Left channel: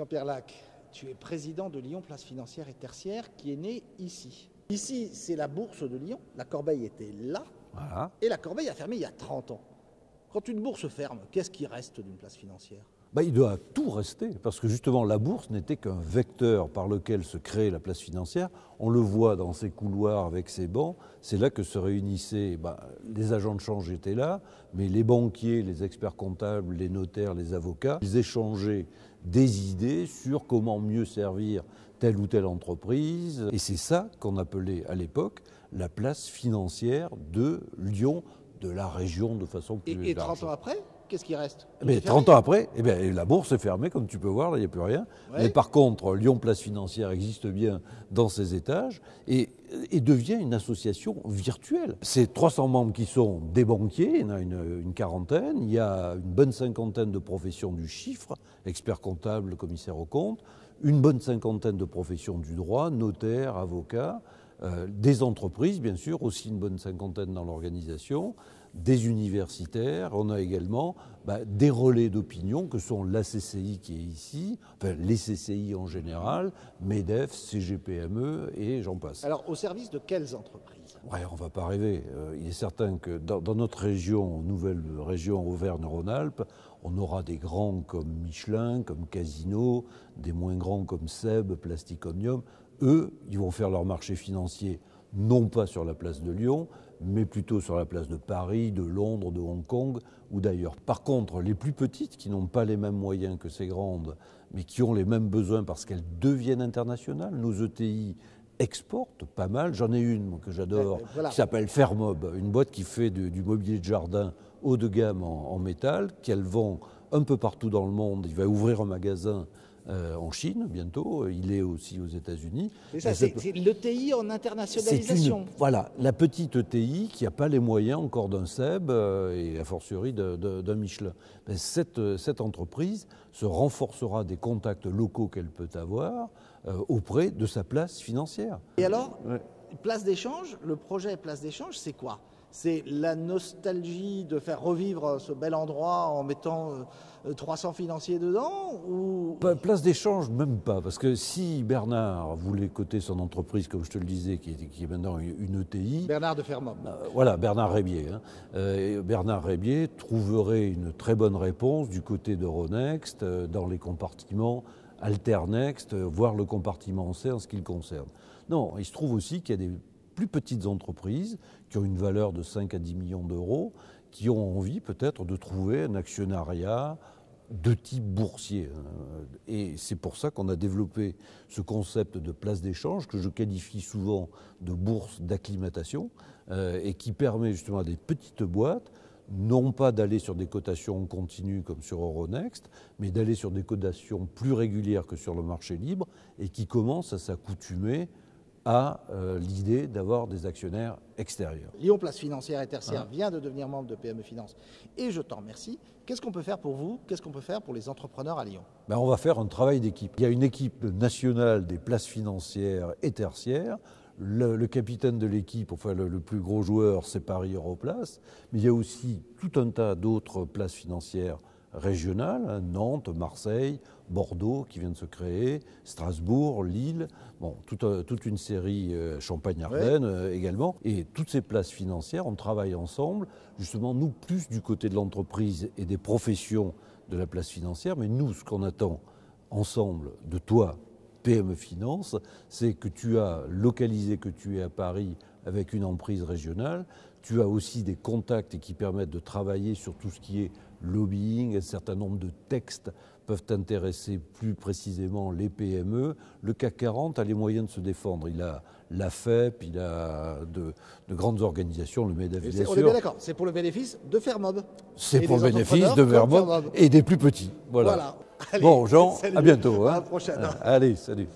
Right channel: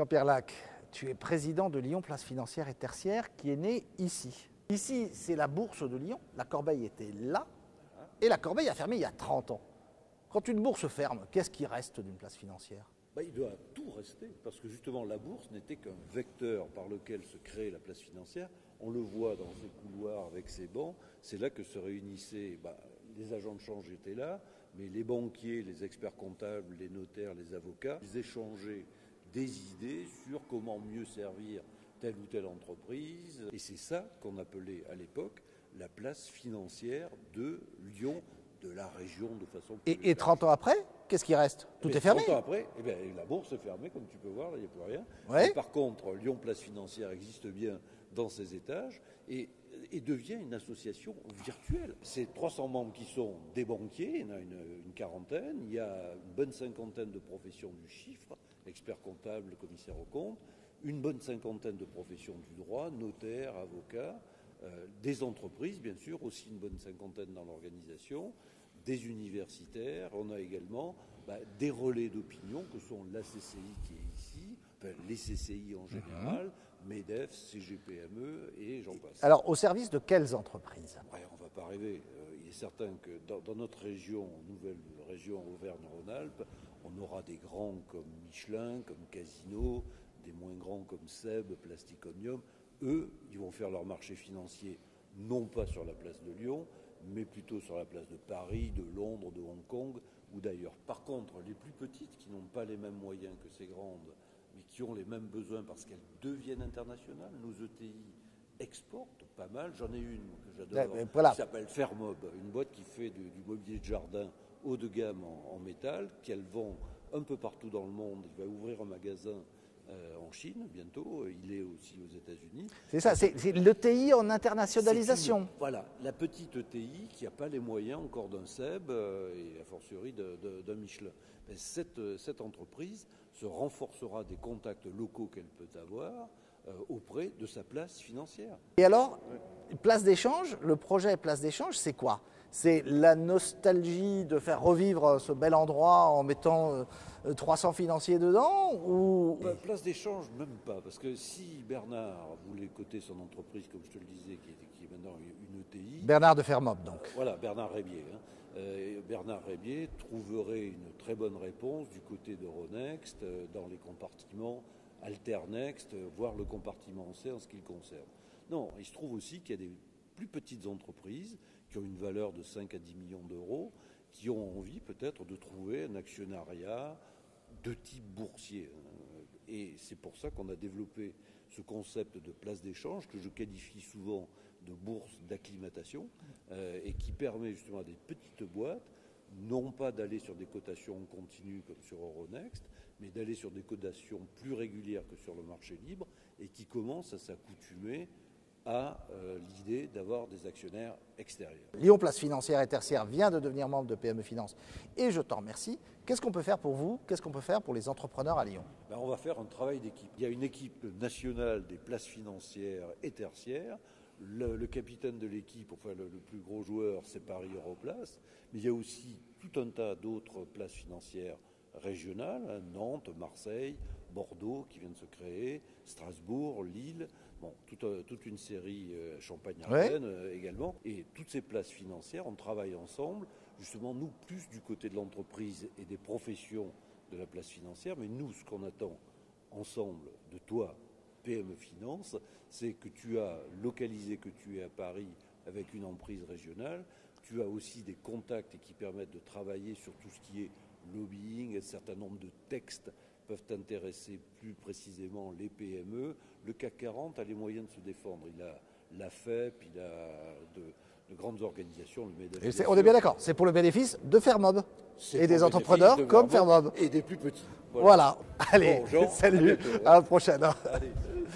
Jean-Pierre Lac, tu es président de Lyon Place Financière et Tertiaire qui est né ici. Ici, c'est la bourse de Lyon. La Corbeille était là. Voilà. Et la Corbeille a fermé il y a 30 ans. Quand une bourse ferme, qu'est-ce qui reste d'une place financière? Il doit tout rester, parce que justement la bourse n'était qu'un vecteur par lequel se crée la place financière. On le voit dans ces couloirs avec ces bancs, c'est là que se réunissaient, les agents de change étaient là, mais les banquiers, les experts comptables, les notaires, les avocats, ils échangeaient des idées sur comment mieux servir telle ou telle entreprise. Et c'est ça qu'on appelait à l'époque la place financière de Lyon, de la région de façon plus large. Et 30 ans après, qu'est-ce qui reste? Mais 30 ans après, la bourse est fermée, comme tu peux voir, là, il n'y a plus rien. Ouais. Mais par contre, Lyon Place Financière existe bien dans ses étages et devient une association virtuelle. C'est 300 membres qui sont des banquiers, il y en a une quarantaine, il y a une bonne cinquantaine de professions du chiffre, experts comptables, commissaires aux comptes, une bonne cinquantaine de professions du droit, notaires, avocats, des entreprises, bien sûr, aussi une bonne cinquantaine dans l'organisation, des universitaires, on a également des relais d'opinion que sont la CCI qui est ici, enfin les CCI en général, MEDEF, CGPME et j'en passe. Alors, au service de quelles entreprises? Ouais, on ne va pas rêver. Il est certain que dans notre région, nouvelle région Auvergne-Rhône-Alpes, on aura des grands comme Michelin, comme Casino, des moins grands comme Seb, Plastic Omnium. Eux, ils vont faire leur marché financier, non pas sur la place de Lyon, mais plutôt sur la place de Paris, de Londres, de Hong Kong ou d'ailleurs. Par contre, les plus petites, qui n'ont pas les mêmes moyens que ces grandes, mais qui ont les mêmes besoins parce qu'elles deviennent internationales, nos ETI exportent pas mal. J'en ai une que j'adore, qui s'appelle Fermob, une boîte qui fait du mobilier de jardin haut de gamme en métal, qu'elle vend un peu partout dans le monde. Il va ouvrir un magasin en Chine bientôt, il est aussi aux États-Unis. C'est ça, c'est l'ETI en internationalisation. Voilà, la petite ETI qui n'a pas les moyens encore d'un Seb et a fortiori d'un Michelin. Cette entreprise se renforcera des contacts locaux qu'elle peut avoir auprès de sa place financière. Et alors, place d'échange, le projet place d'échange, c'est quoi? C'est la nostalgie de faire revivre ce bel endroit en mettant 300 financiers dedans ou... Place d'échange, même pas. Parce que si Bernard voulait coter son entreprise, comme je te le disais, qui est maintenant une ETI... Bernard de Fermob. Voilà, Bernard Rébier. Bernard Rébier trouverait une très bonne réponse du côté d'Euronext, dans les compartiments Alternext, voire le compartiment C en ce qui le concerne. Non, il se trouve aussi qu'il y a des plus petites entreprises qui ont une valeur de 5 à 10 millions d'euros, qui ont envie peut-être de trouver un actionnariat de type boursier. Et c'est pour ça qu'on a développé ce concept de place d'échange que je qualifie souvent de bourse d'acclimatation et qui permet justement à des petites boîtes non pas d'aller sur des cotations continues comme sur Euronext, mais d'aller sur des cotations plus régulières que sur le marché libre et qui commencent à s'accoutumer à l'idée d'avoir des actionnaires extérieurs. Lyon Place Financière et Tertiaire vient de devenir membre de PME Finance et je t'en remercie. Qu'est-ce qu'on peut faire pour vous? Qu'est-ce qu'on peut faire pour les entrepreneurs à Lyon? On va faire un travail d'équipe. Il y a une équipe nationale des places financières et tertiaires. Le capitaine de l'équipe, enfin le plus gros joueur, c'est Paris Europlace. Mais il y a aussi tout un tas d'autres places financières régionales, Nantes, Marseille, Bordeaux qui vient de se créer, Strasbourg, Lille, toute une série Champagne-Ardenne également. Et toutes ces places financières, on travaille ensemble, justement nous plus du côté de l'entreprise et des professions de la place financière, mais nous ce qu'on attend ensemble de toi, PME Finance, c'est que tu as localisé, que tu es à Paris avec une emprise régionale, tu as aussi des contacts qui permettent de travailler sur tout ce qui est lobbying, un certain nombre de textes peuvent intéresser plus précisément les PME. Le CAC 40 a les moyens de se défendre. Il a la FEP, il a de grandes organisations, le MEDEF. On est bien d'accord, c'est pour le bénéfice de Fermob. C'est pour le bénéfice de Fermob et des plus petits. Voilà. Allez, bon, Jean, salut. à bientôt. À la prochaine. Allez, salut.